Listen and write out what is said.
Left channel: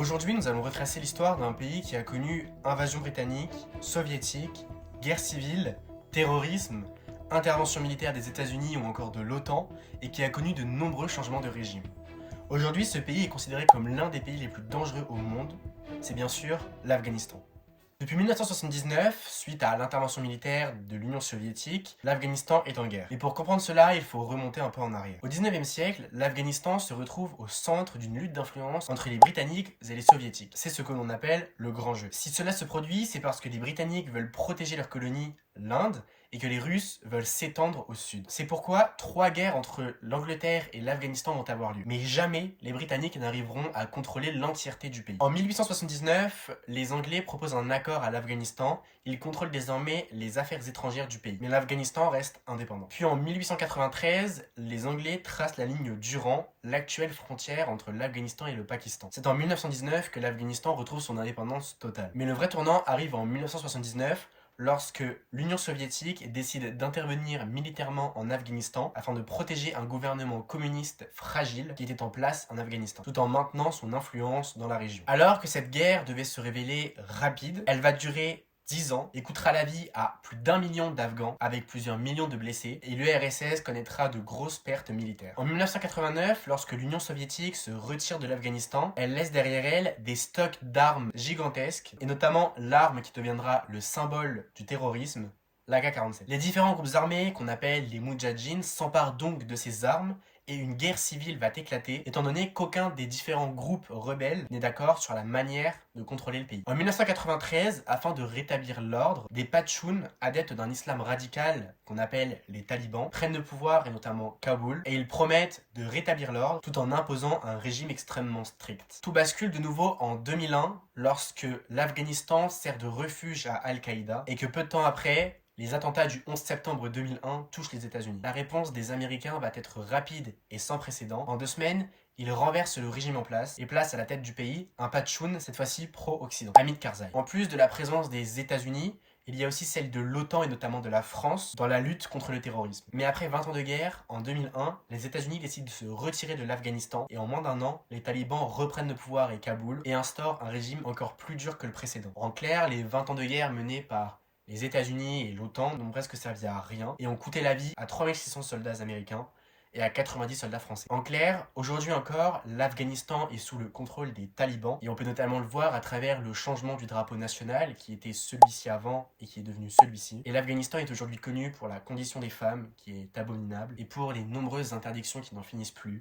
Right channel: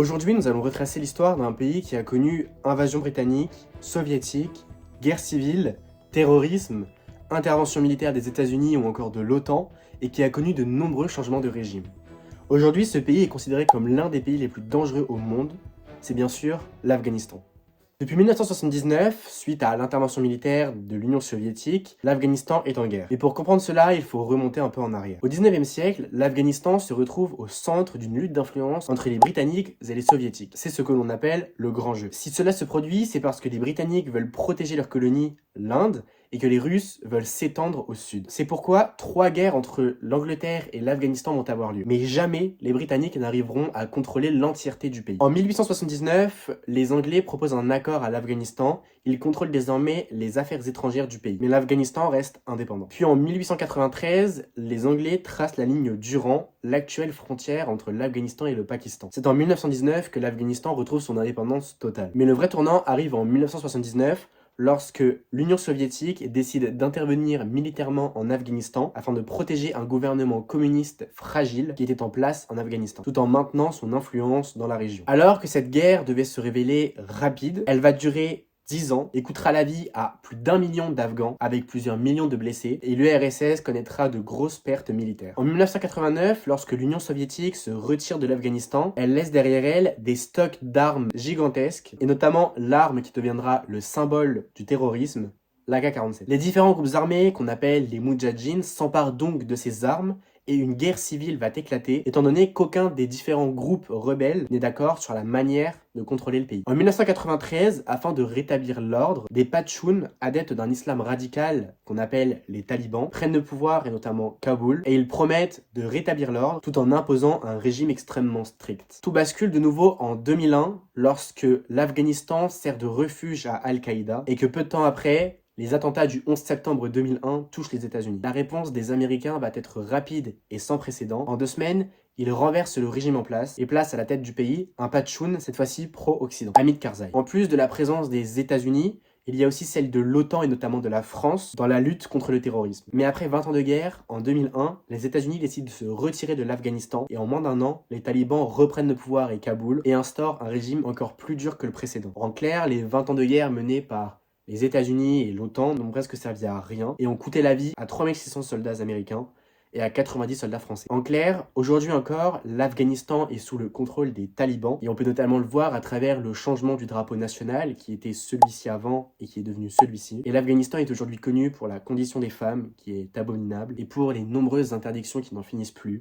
Aujourd'hui, nous allons retracer l'histoire d'un pays qui a connu invasion britannique, soviétique, guerre civile, terrorisme, intervention militaire des États-Unis ou encore de l'OTAN et qui a connu de nombreux changements de régime. Aujourd'hui, ce pays est considéré comme l'un des pays les plus dangereux au monde. C'est bien sûr l'Afghanistan. Depuis 1979, suite à l'intervention militaire de l'Union soviétique, l'Afghanistan est en guerre. Et pour comprendre cela, il faut remonter un peu en arrière. Au 19e siècle, l'Afghanistan se retrouve au centre d'une lutte d'influence entre les Britanniques et les Soviétiques. C'est ce que l'on appelle le grand jeu. Si cela se produit, c'est parce que les Britanniques veulent protéger leur colonie, l'Inde, et que les Russes veulent s'étendre au sud. C'est pourquoi 3 guerres entre l'Angleterre et l'Afghanistan vont avoir lieu. Mais jamais les Britanniques n'arriveront à contrôler l'entièreté du pays. En 1879, les Anglais proposent un accord à l'Afghanistan. Ils contrôlent désormais les affaires étrangères du pays. Mais l'Afghanistan reste indépendant. Puis en 1893, les Anglais tracent la ligne Durand, l'actuelle frontière entre l'Afghanistan et le Pakistan. C'est en 1919 que l'Afghanistan retrouve son indépendance totale. Mais le vrai tournant arrive en 1979, lorsque l'Union soviétique décide d'intervenir militairement en Afghanistan afin de protéger un gouvernement communiste fragile qui était en place en Afghanistan, tout en maintenant son influence dans la région. Alors que cette guerre devait se révéler rapide, elle va durer 10 ans et coûtera la vie à plus d'1 million d'Afghans avec plusieurs millions de blessés et l'URSS connaîtra de grosses pertes militaires. En 1989, lorsque l'Union soviétique se retire de l'Afghanistan, elle laisse derrière elle des stocks d'armes gigantesques et notamment l'arme qui deviendra le symbole du terrorisme, l'AK-47. Les différents groupes armés qu'on appelle les Moudjahidines s'emparent donc de ces armes et une guerre civile va éclater, étant donné qu'aucun des différents groupes rebelles n'est d'accord sur la manière de contrôler le pays. En 1993, afin de rétablir l'ordre, des Pashtuns, adeptes d'un islam radical qu'on appelle les talibans, prennent le pouvoir et notamment Kaboul, et ils promettent de rétablir l'ordre tout en imposant un régime extrêmement strict. Tout bascule de nouveau en 2001, lorsque l'Afghanistan sert de refuge à Al-Qaïda, et que peu de temps après, les attentats du 11 septembre 2001 touchent les États-Unis. La réponse des Américains va être rapide et sans précédent. En 2 semaines, ils renversent le régime en place et placent à la tête du pays un Pashtun, cette fois-ci pro-Occident, Hamid Karzai. En plus de la présence des États-Unis, il y a aussi celle de l'OTAN et notamment de la France dans la lutte contre le terrorisme. Mais après 20 ans de guerre, en 2001, les États-Unis décident de se retirer de l'Afghanistan et en moins d'1 an, les talibans reprennent le pouvoir et Kaboul et instaurent un régime encore plus dur que le précédent. En clair, les 20 ans de guerre menés par les États-Unis et l'OTAN n'ont presque servi à rien et ont coûté la vie à 3600 soldats américains et à 90 soldats français. En clair, aujourd'hui encore, l'Afghanistan est sous le contrôle des talibans et on peut notamment le voir à travers le changement du drapeau national qui était celui-ci avant et qui est devenu celui-ci. Et l'Afghanistan est aujourd'hui connu pour la condition des femmes qui est abominable et pour les nombreuses interdictions qui n'en finissent plus.